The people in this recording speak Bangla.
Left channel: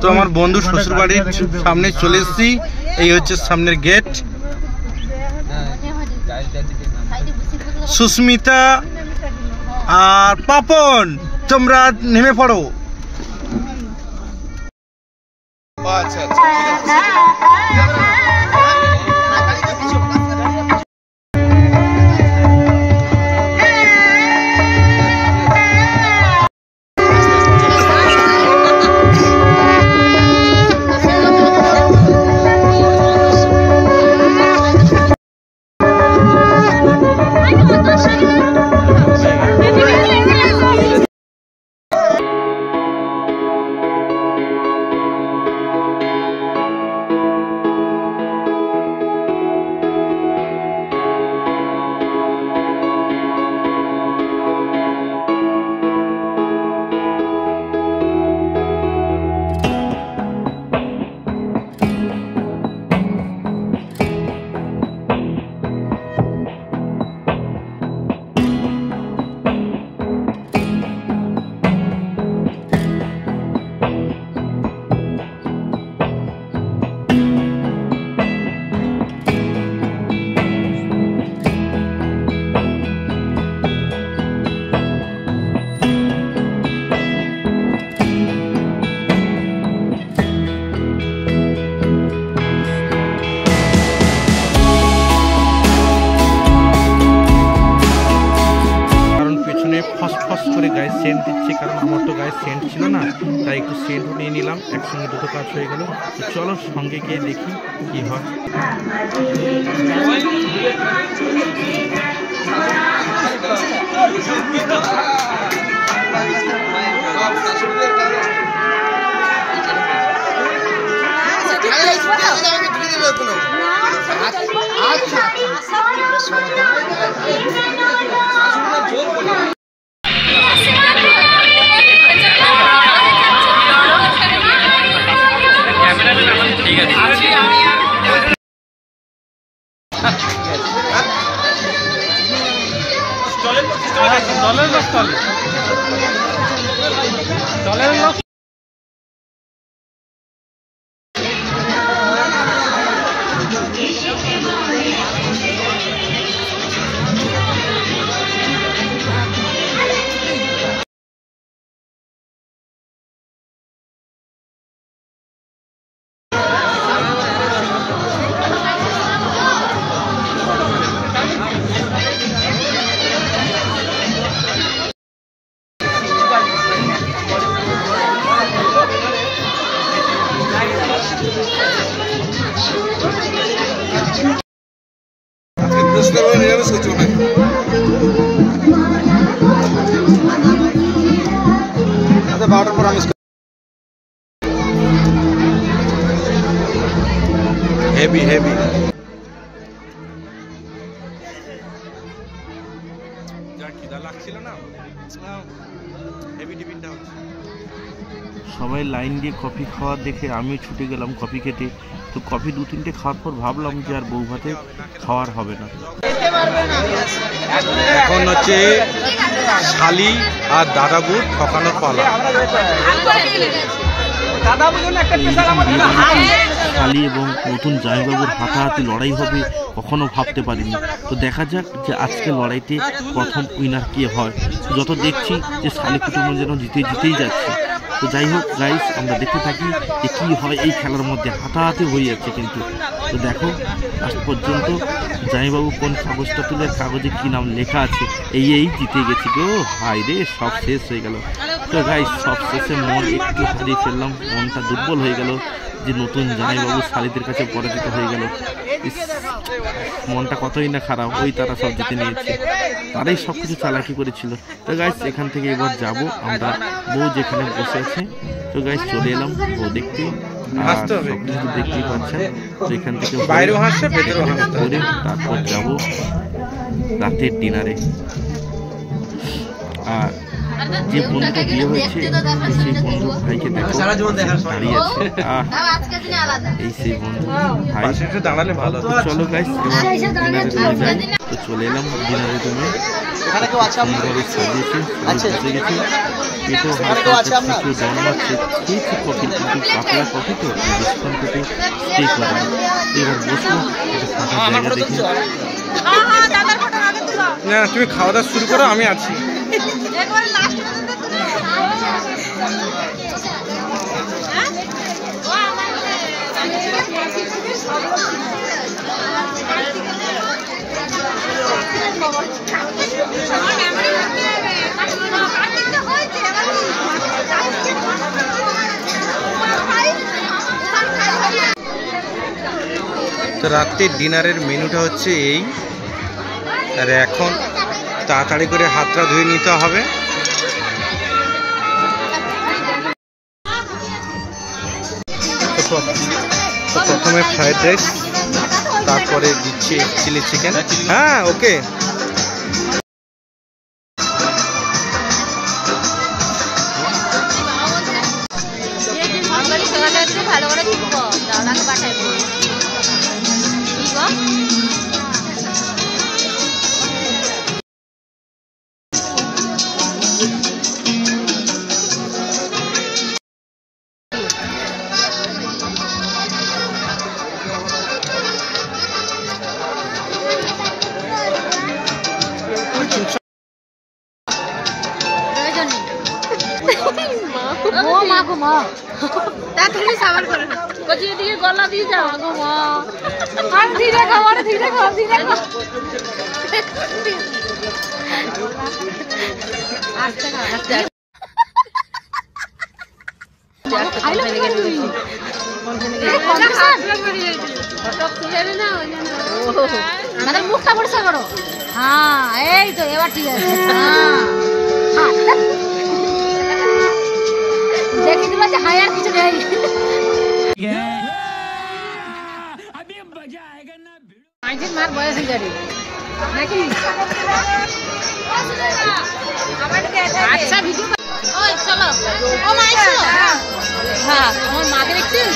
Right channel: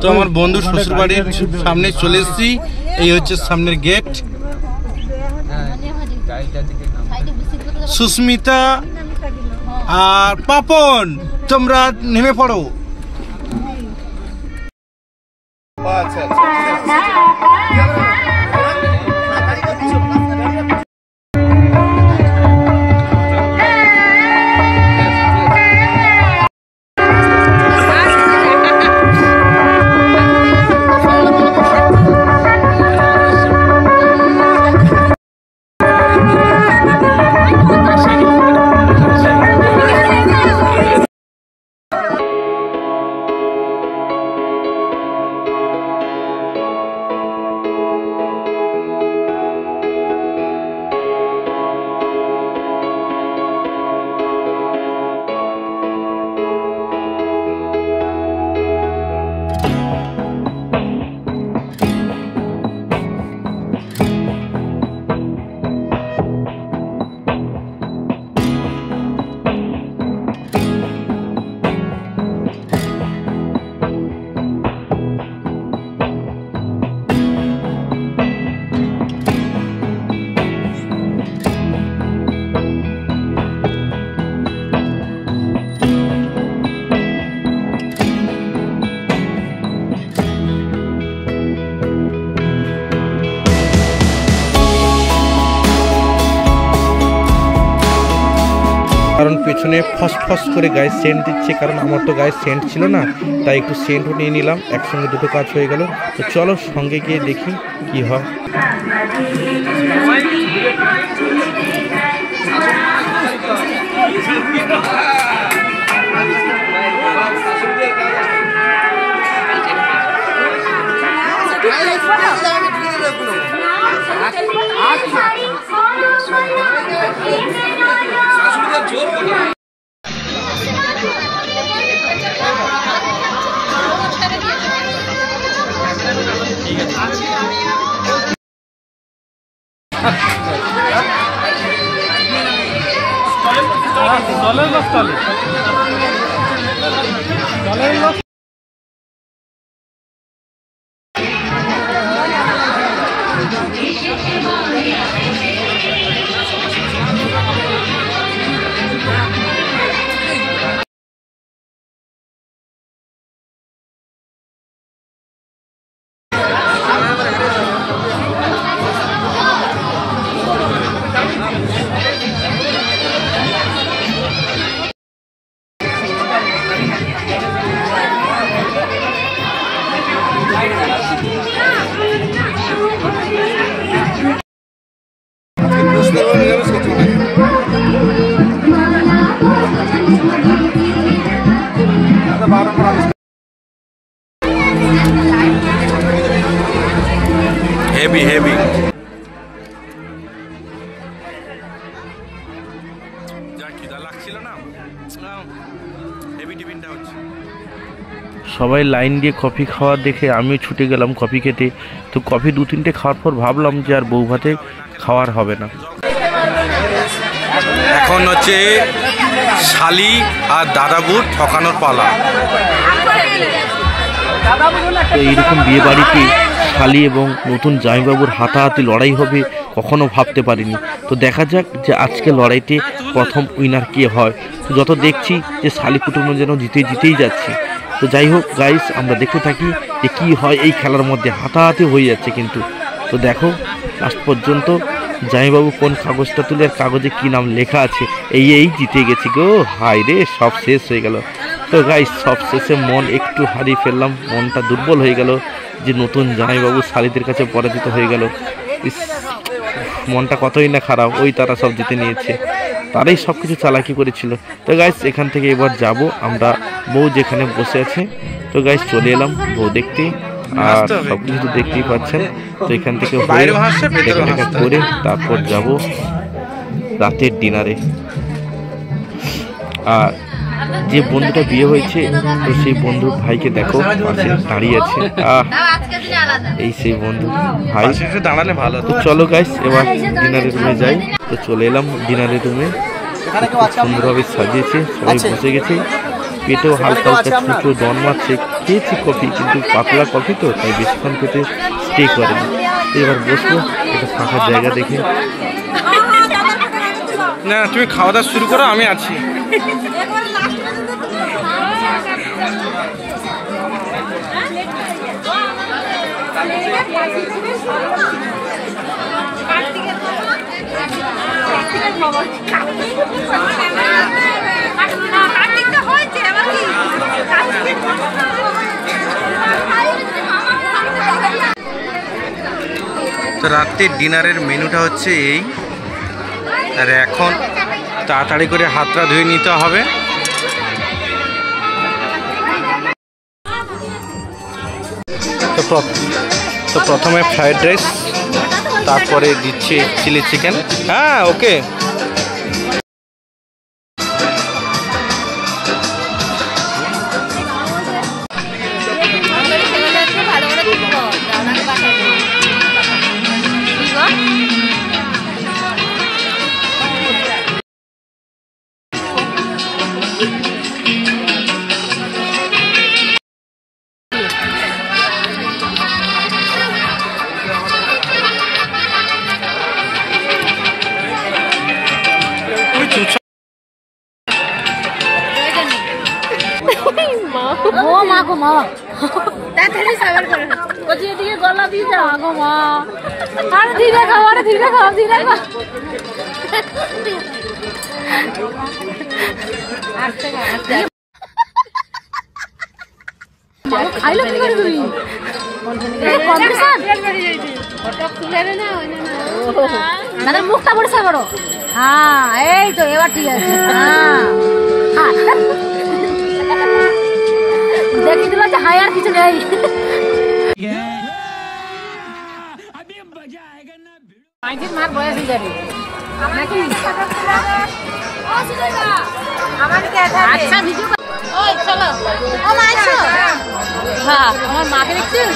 তো আমার বন্ধু শ্বশুর বাড়ির সামনে চলে এসেছি। এই হচ্ছে সামনের গেট। সুস্মিতা আর পাপন, তোমরা নেমে পড়ো। আচ্ছা আচ্ছা পেছনে ফস্ট ফস্ট করে গায়ে সেন্ট দিচ্ছে, কারণ আমার তো গায়ে সেন্ট ছিল না, তাই একটু সেন্টও নিয়ে নিলাম। একসঙ্গে দুটো কাজ হয়ে গেল। তো চলো সঙ্গে গিয়ে দেখি কি হয়। ঠিক আছে হেভি হেভি। যা খিদা লাগছিল না, হেভি টিফিনটা হচ্ছে। সবাই লাইন দিয়ে কফি খাওয়া দেখে আমিও ছুটে গেলাম কফি খেতে। তো কফি 2-3টে খাওয়ার পর ভাবলাম যে আর বউ ভাতে খাওয়ার হবে না। এখন হচ্ছে শালি আর দাদাবুর ঠকানোর পালা। তো এইরকম বিয়ে বাড়িতে শালি এবং নতুন জামাইবাবুর হাতাহাতি লড়াই হবে কখনো ভাবতে পারিনি। তো দেখা যাক যে আজকে লড়াইতে প্রথম উইনার কে হয়। তো যত দেখছি যে শালি কুটুম্ব যেন জিতেই যাচ্ছে। তো যাই হোক গাইস, আমরা দেখতে থাকি যে কি হয় এই খেলার মধ্যে। হাতাহাতি হয়ে যাচ্ছে কিন্তু। তো দেখো লাস্ট পর্যন্ত জামাইবাবু কোন কাগজটা তুলে, আর কাগজে কি নাম লেখা আছে। এই জিতে গেছি গো। হাই রে, সব শেষ হয়ে গেল। তো গাইস সব শেষে মন একটু হারিয়ে ফেললাম, মনটা দুর্বল হয়ে গেল যে নতুন জামাইবাবু শালিদের কাছে পরাজিত হয়ে গেল। মনটা কতই না খারাপ। ওই তারা সব জিতে নিয়েছে, তারাই সব কিছু চালাকি করেছিল। তো গাইস এখান থেকে এবার যাব আমরা, বউ যেখানে বসে আছে। তো গাইস চলে এলাম বউ দেখতে, আর সব কিছু তো দেখতেই পাচ্ছেন। তো এখান থেকে করে তারপর যাব রাতের ডিনারে। আর যে বন্ধুটা বিয়ে হয়েছে তো সেই বন্ধুর ভাইকে দেখো পাশে দাঁড়িয়ে আছে। এই সেই বন্ধু ভাই দাঁড়ালে ভালো। তো চলো গাইস এবার ডিনারের রুমে যাই। তো চলে এলাম ডিনারের রুমে, সুন্দরভাবে সাজিয়েছে, সবাই বসে গেছে, পেটেও হালকা হালকা ছোটো জন মারছে। খেয়েছি কফি, কিন্তু পাতলা কফি তো তাই বেশিক্ষণ পেটে স্টে করেনি। এবার বসবো একটা ফাঁকা জায়গা দেখে। না তুমি খাওয়া দাওয়া শুরু করো, আমি আছি। তো রাত্রের ডিনারের মেনুটা হচ্ছে এই, আর এখন তাড়াতাড়ি করে হাতটা ধুয়ে নিতে হবে। তো প্রথমে ফ্রাইড রাইস, তারপরে দিচ্ছে চিলি চিকেন। হ্যাঁ ওকে। গলা দিয়ে যাও গো মা, আর ধীরে খাও, আরে ধীরে খাও, ধীরে খাও, আস্তে খাও, আস্তে খাইলে কম্পিটিশন ফটো তুলে না ওই না না মুখটা পরিষ্কার করো। হ্যাঁ এই তো এবার ঠিক আছে। হ্যাঁ দেখি দিল যে হাই আর কিছু নেই। মার বয়স গাড়ি নাকি আচ্ছা ভিডিও ওই চলো ও মা আইছো। হ্যাঁ আমার মাকে দেখছিস।